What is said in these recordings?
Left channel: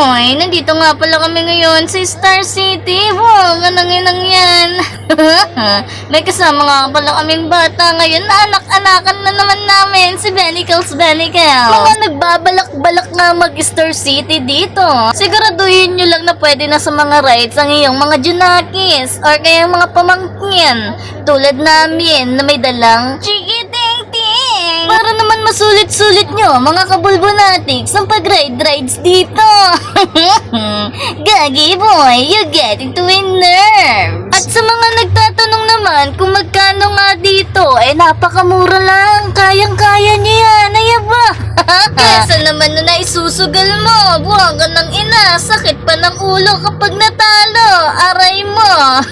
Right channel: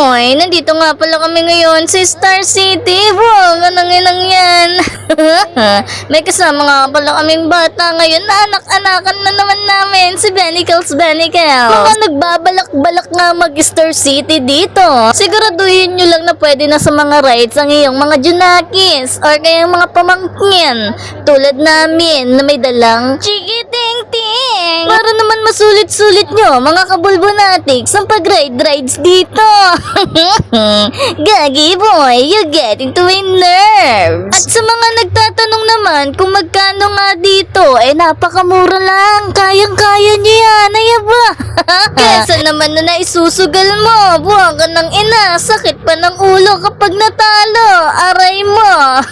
boy, nandito nga pala kami ngayon sa Star City. Wow, ganang yan. May kasama nga pala kaming bata ngayon na anak-anakan na naman namin, si Benicles. Mga nagbabalak-balak nga mag-Star City dito. Siguraduhin nyo lang na pwede na sa mga rides ang iyong mga junakis or kayang mga pamangkin tulad namin na may dalang chikiting-ting. Para naman masulit-sulit nyo, mga kabulbonatics, ang pag-rides dito. Gagi boy, you're getting to win nerves. At sa mga nagtatanong naman kung magkano nga dito, napakamura lang. Kayang-kaya niya yan, ayaba. Kesa naman na naisusugal mo, buwang ka ng ina, sakit pa ng ulo kapag natalo, aray mo.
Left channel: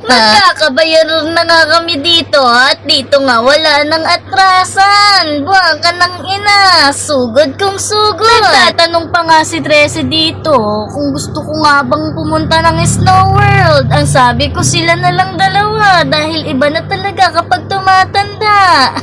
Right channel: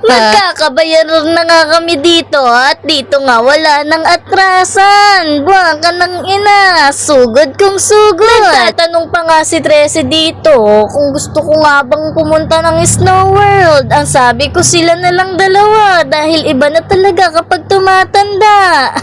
Magkakabayaran na nga kami dito at dito nga wala nang atrasan, buwang ka ng ina, sugod kung sugod. Nagtatanong pa nga si Tracy dito kung gusto ko nga bang pumunta ng Snow World. Ang sabi ko sila na lang dalawa dahil iba na talaga kapag tumatanda.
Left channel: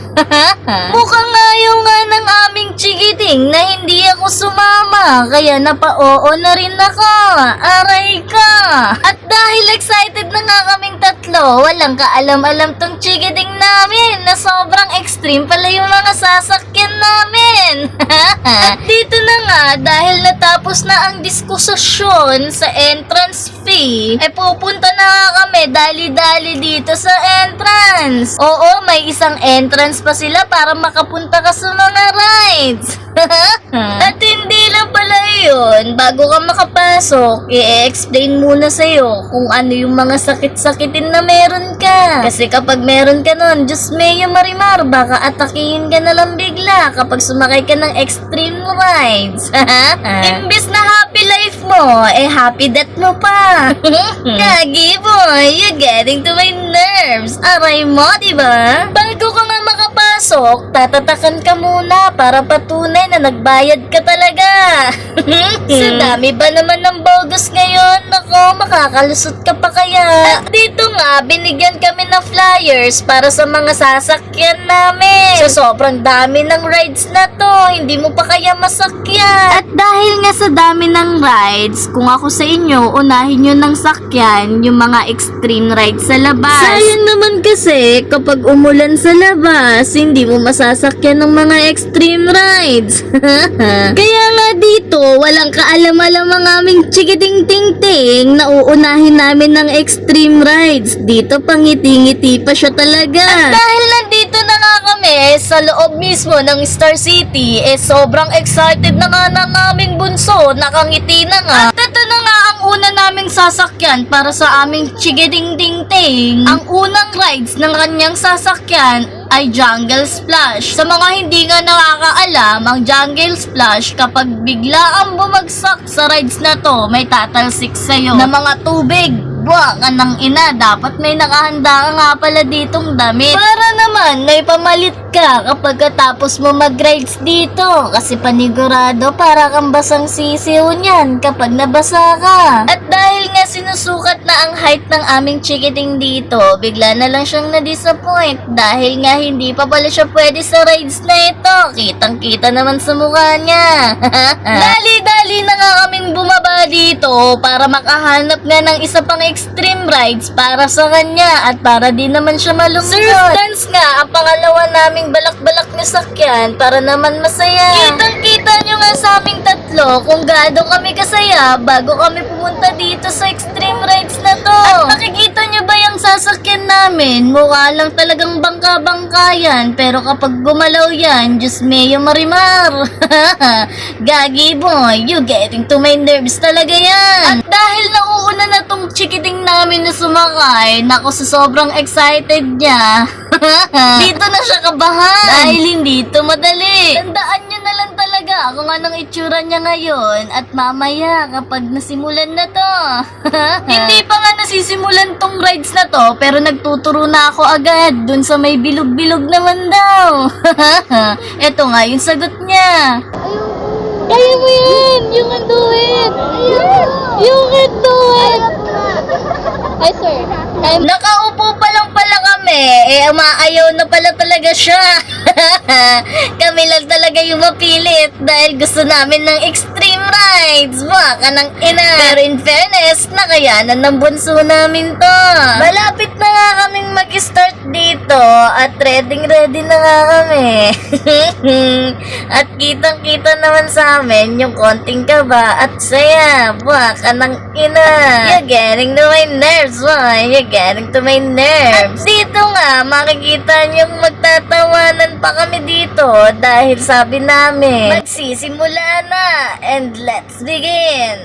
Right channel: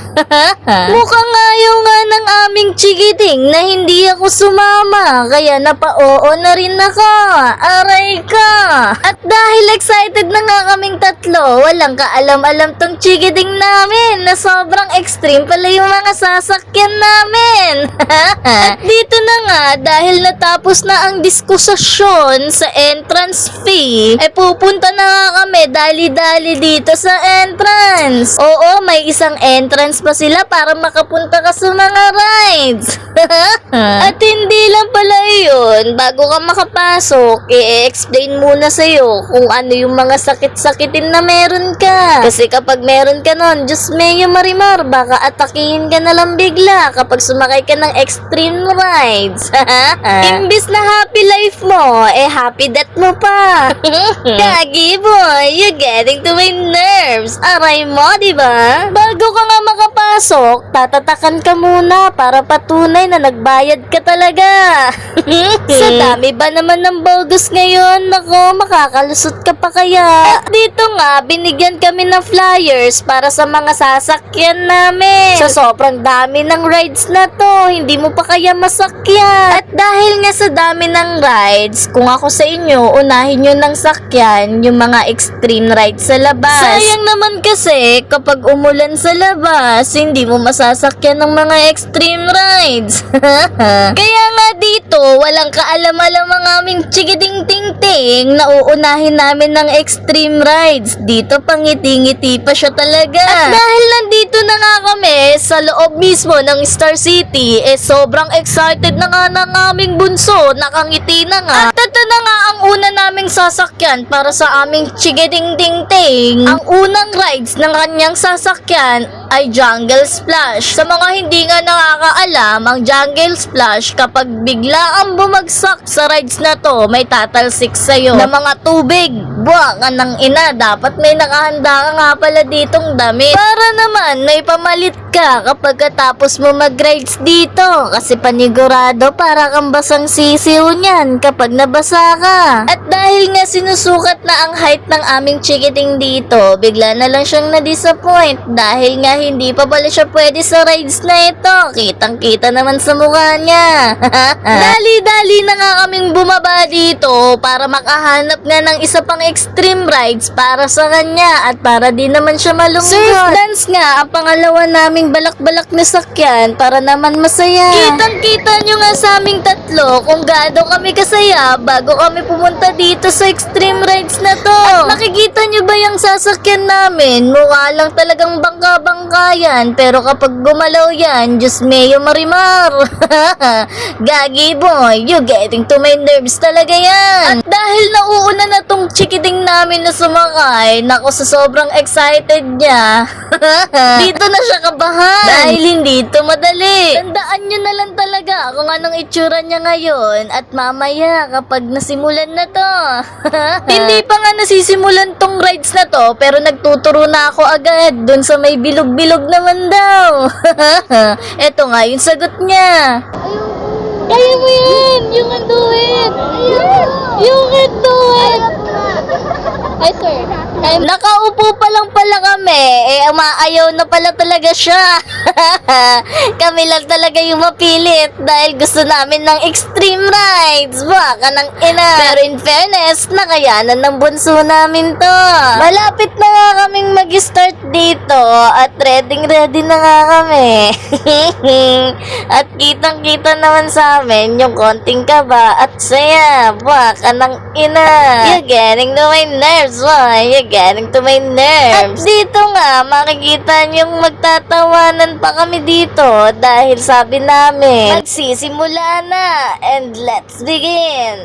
Mukhang ayaw nga ng aming chikiting na hindi ako sumama, kaya napa-oo na rin ako. Aray ka! At dahil excited na nga kaming tatlo, walang kaalam-alam tong chikiting namin na sobrang extreme pala yung mga sasakyan namin. At dito na nga, dahil natapos na ang diskusyon sa entrance fee, pupunta na nga kami dali-dali dito sa entrance. Oo, may isang entrance pa sila para makapunta ka sa mga rides. At hindi lang pala yun, bago ka makapasok, i-explain muna sa'yo kung ano yung mga sakit-sakitin na meron ka. Kasi kapag meron ka nun, Diyos Mayo Marimar, baka atakihin ka na lang bigla kapag sumakay ka ng extreme rides. Imbis na happy life mo, happy death mo pa. Gagi boy, you're getting to my nerves. Aray mo, diba? Bago ka nga makapasok, tatatakan ka muna para patunay na nagbayad ka talaga. Sa dami ba naman ng bogus ngayon? Nako, makakalusot ka pa kaya. At dito nga, binigyan kami ng flyers para sa mga sasakyan namin. Sa sobrang dami ng rides na to, hindi mo pa kaya masakyan. At dahil nga sa dami ng rides, kung ako sa inyo, unahin nyo ng sakyan yung mga extreme rides sa labas. Sayang naman kasi, kapag umulan sa labas, hindi mo masasakyan ng mga extreme rides. Kaya nga dito, walang kaalam-alam ang aming chikiting-ting-ting na uunahin namin ng extreme rides. Dito pangiti-ngiti pa siya talaga. At dahil nandito na nga kami sa loob mismo ng Star City, sobrang excited na nga ng aming bunso, nakangiti na nga. At ito na nga ang una naming sasakyan para sa aming chikiting-ting-ting. Ang unang rides ng kanyang sasakyan ay Jungle Splash. Sa mga hindi nga nakakaalam, ang Jungle Splash, kapag bigla ang bumagsak sa rides na to, may tatalsik sa'yo na mga tubig. Buwang ka ng ina, dapat may nakahanda ka nga pala ditong damit. Para naman, may pamalit ka kapag katapos mo mag-rides dito. Kasi panigurado, para kang basang sisiw niyan kapag nabasa ka. At dahil nga sinusukat na ang height ng aming chikiting dito, bigla na lang siyang na-disappoint dahil nga hindi pa pala siya pwede sa rides na ito. Kitang-kita naman sa mukha niya. Dali-dali na nga kaming bumaba dito para makahanap nga ng isa pang extreme rides para sa kanya at para din naman siya malungkot. Surf dance nga ang pangalawa naming balak-balak na sakyan para naman masaya. Kitang-kita nyo nga sa aming tatlo kung gaano kami kasaya bago kami pumunta dito sa extreme rides na to. At makikita nyo ba yung sasakyan namin? Mukha lang talagang bangka-bangka yan, pero kapag gumalaw yan, Diyos Mayo Marimar. Gagi boy, you getting to my nerves talaga yan. At dahil nauuna na tong chikiting namin na sumakay, nako sa sobrang excited niya, dito na siya kabahan dahil hindi ito madali. Tandaan nyo na lang talaga kung anong itsura niya ngayon at mamaya kapag nasimulan na to. Hindi pa nga nasisimulan tong rides na to, pero nagtuturo na ako agad dun sa may bilog-bilog naman daw. Eto nga yung sagot niya. Kaya mo yan! You can do it! You can do it! I swear. Ay, nakaupo pa lang pala kami. Umaayaw na pala talaga siya. Kami lang talaga yung mapilit dahil gusto namin ng extreme rides. Baka ng ina. Pero in fairness, nakayanan ng bunso namin to. Malapit na nga kaming mag-start dito at ready na nga kami. At kitang-kita naman sa amin yung konting kaba at saya. Baka ng ina. You're getting to my nerves, boy. You're getting to my nerves. At dito nga, makikita niyong magtatawanan pa kami dito dahil sabi namin, magsisimula na and let's begin.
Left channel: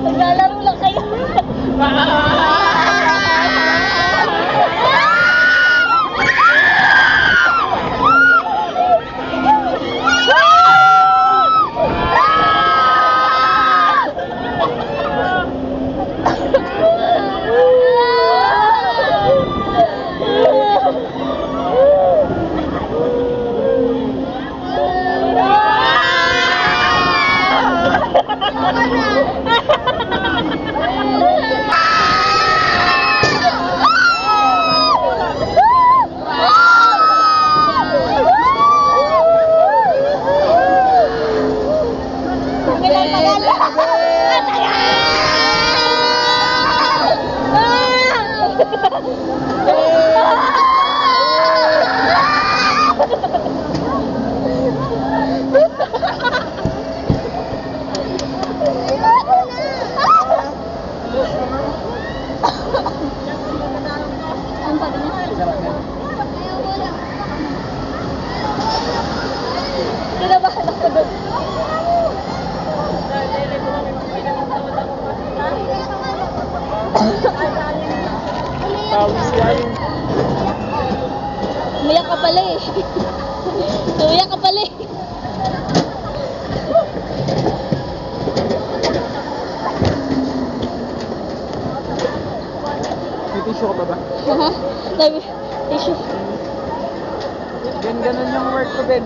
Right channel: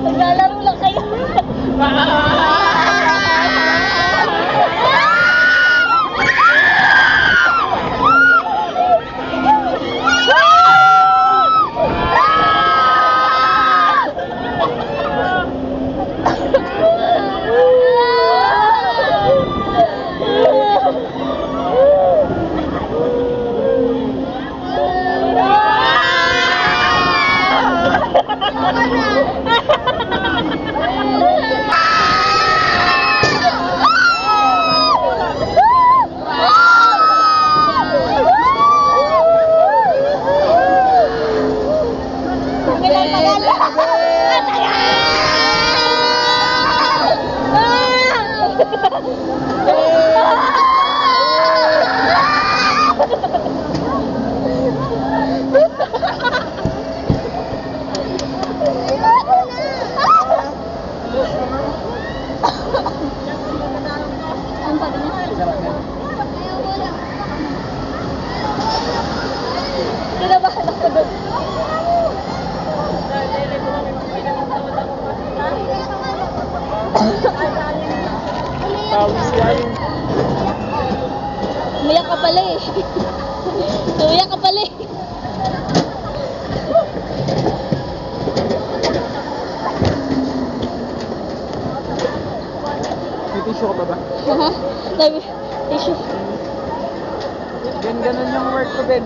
Naglalaro lang kayo. Kinabahan ako doon. Umiyak ka pala eh. Umiyak ka pala eh. May tissue ka pa ba? Sabi, tissue. Ganun yung work ko, Ben.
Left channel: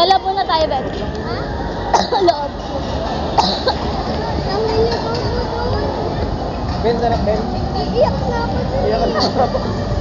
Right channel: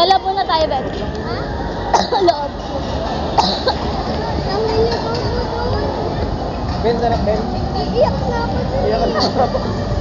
Sa loob muna tayo, Ben. Loob. Ben, sarap, Ben. Iiyak na ako. Iyak ka na.